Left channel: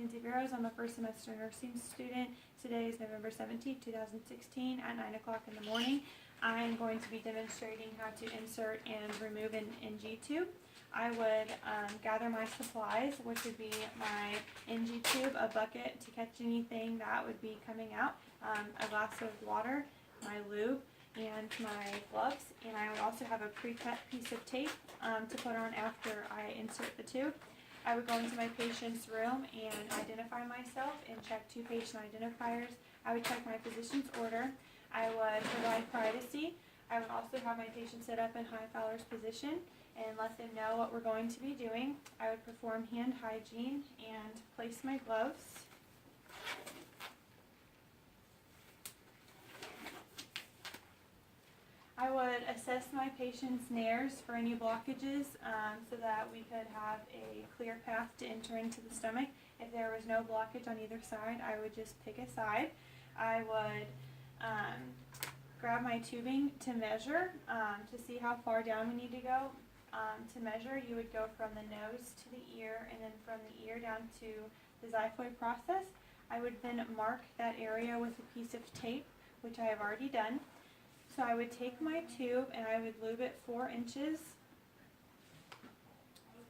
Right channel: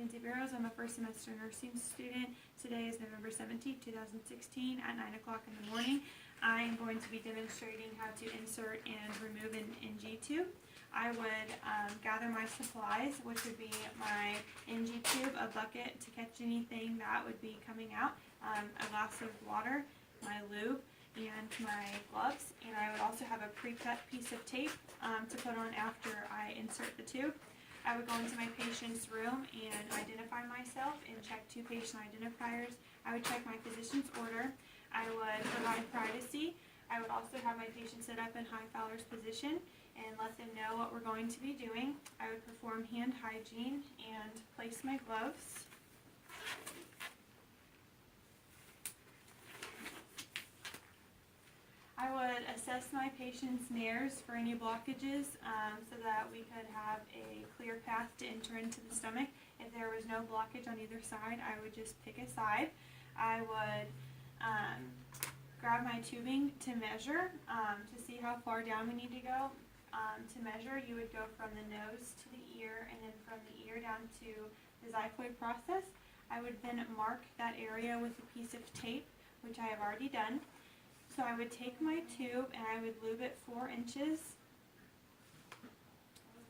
Mackenzie Barrows. I'm a first semester nursing student. Today is November 17th, 2016 at 9 o'clock in the morning. I am going to be demonstrating how to insert and remove an NG tube. I would gather my supplies, which would be my NG tube, a bucket to catch anything that would be coming out, a glass of water, my lube, and my gloves. And I would also have a pre-cut piece of tape to put on after I insert the tube. I would go into my patient's room and identify myself and check 2 patient identifiers. I would check my physician's order. I would provide privacy. I would also have my patient sit up in high Fowler's position and let them know what we're going to be doing. I would perform hand hygiene and place my gloves. I would assess my patient's nares for any blockages so that we could have a clear path to enter into the stomach. If there was no blockage on either side, I would just pick a side. I would grab my tubing to measure to see how far down we need to go. To measure, you would go from the nose to the ear and then from the ear down to the xiphoid process. I would then mark that area with a piece of tape, which I have already done. So I would take my tube and I would lube it 4 inches.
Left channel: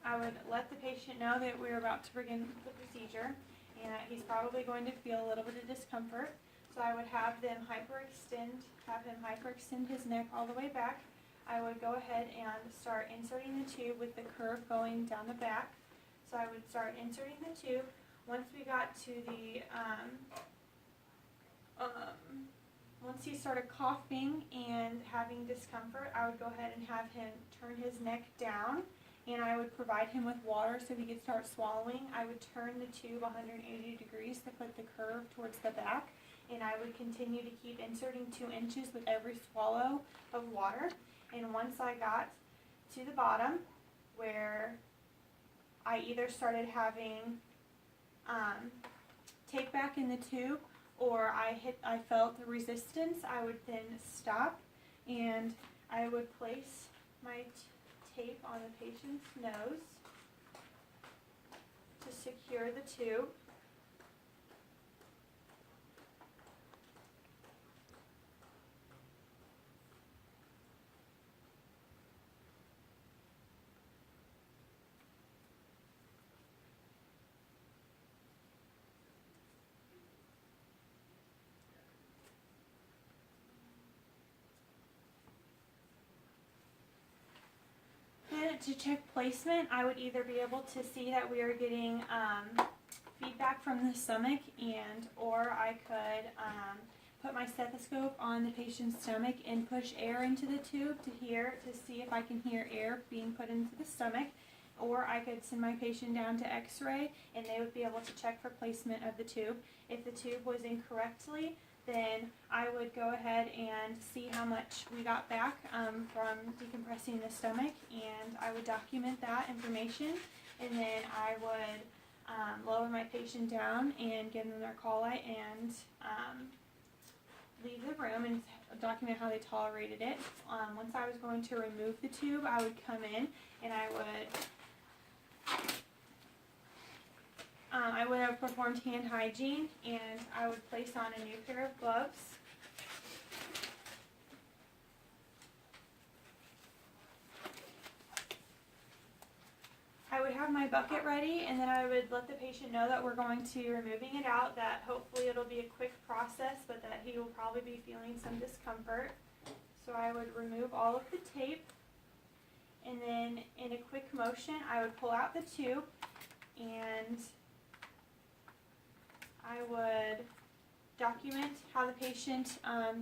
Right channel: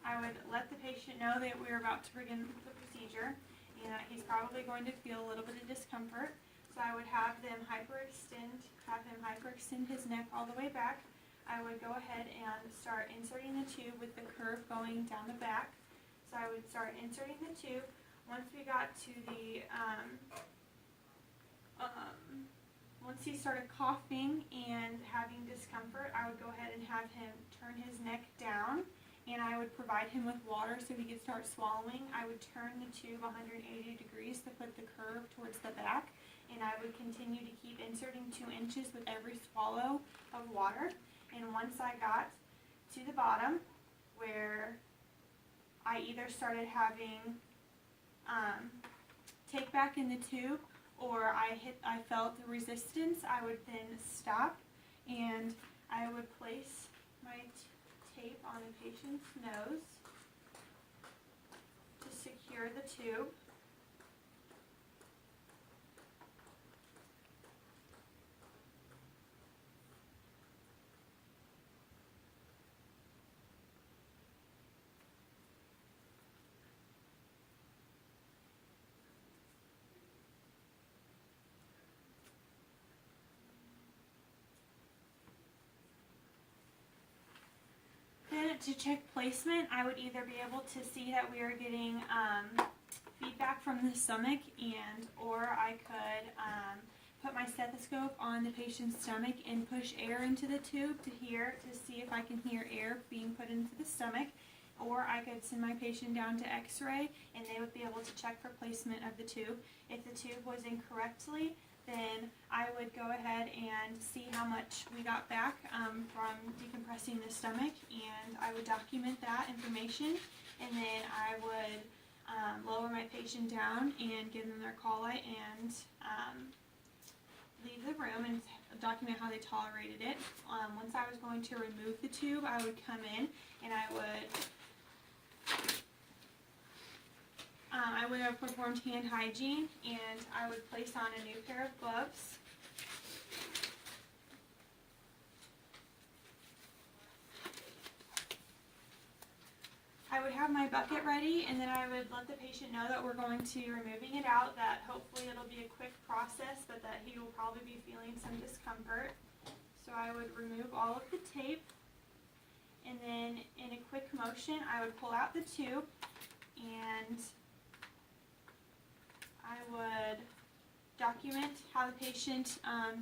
I would let the patient know that we're about to begin the procedure and that he's probably going to feel a little bit of discomfort. So I would have him hyperextend his neck all the way back. I would go ahead and start inserting the tube with the curve going down the back. So I would start inserting the tube. Once we got to the once he started coughing and having discomfort, I would go ahead and have him turn his neck down, and I would provide him with water so he could start swallowing. I would turn the tube 180 degrees to put the curve towards the back, and I would continue to keep inserting 2 inches with every swallow of water. And once I got to the bottom, where I either started having take back in the tube, or I felt the resistance, I would then stop and I would place my tape on the patient's nose to secure the tube. To check placement, I would either be able to see that we are getting feedback from the stomach, or I could put my stethoscope on the patient's stomach and push air into the tube to see if I can hear air being put into the stomach, or I could send my patient down to x-ray and they would be able to check for placement of the tube. If the tube was incorrectly, then I would go ahead and see how much we got back from decompressing the stomach, and I would document that information, and then I would lower my patient down and give them their call light and leave the room and document how they tolerated it. Once I was going to remove the tube, I would come in and I would have performed hand hygiene, and I would place on a new pair of gloves. I would have my bucket ready, and then I would let the patient know that we're going to be removing it out, that hopefully it'll be a quick process, but that he will probably be feeling some discomfort. So I would remove all of the tape, and then in a quick motion I would pull out the tube, and I would document how the patient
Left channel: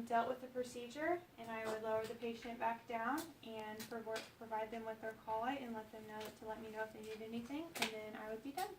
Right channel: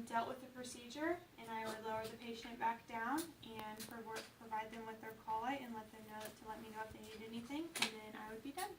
dealt with the procedure, and I would lower the patient back down and provide them with their call light and let them know to let me know if they need anything, and then I would be done.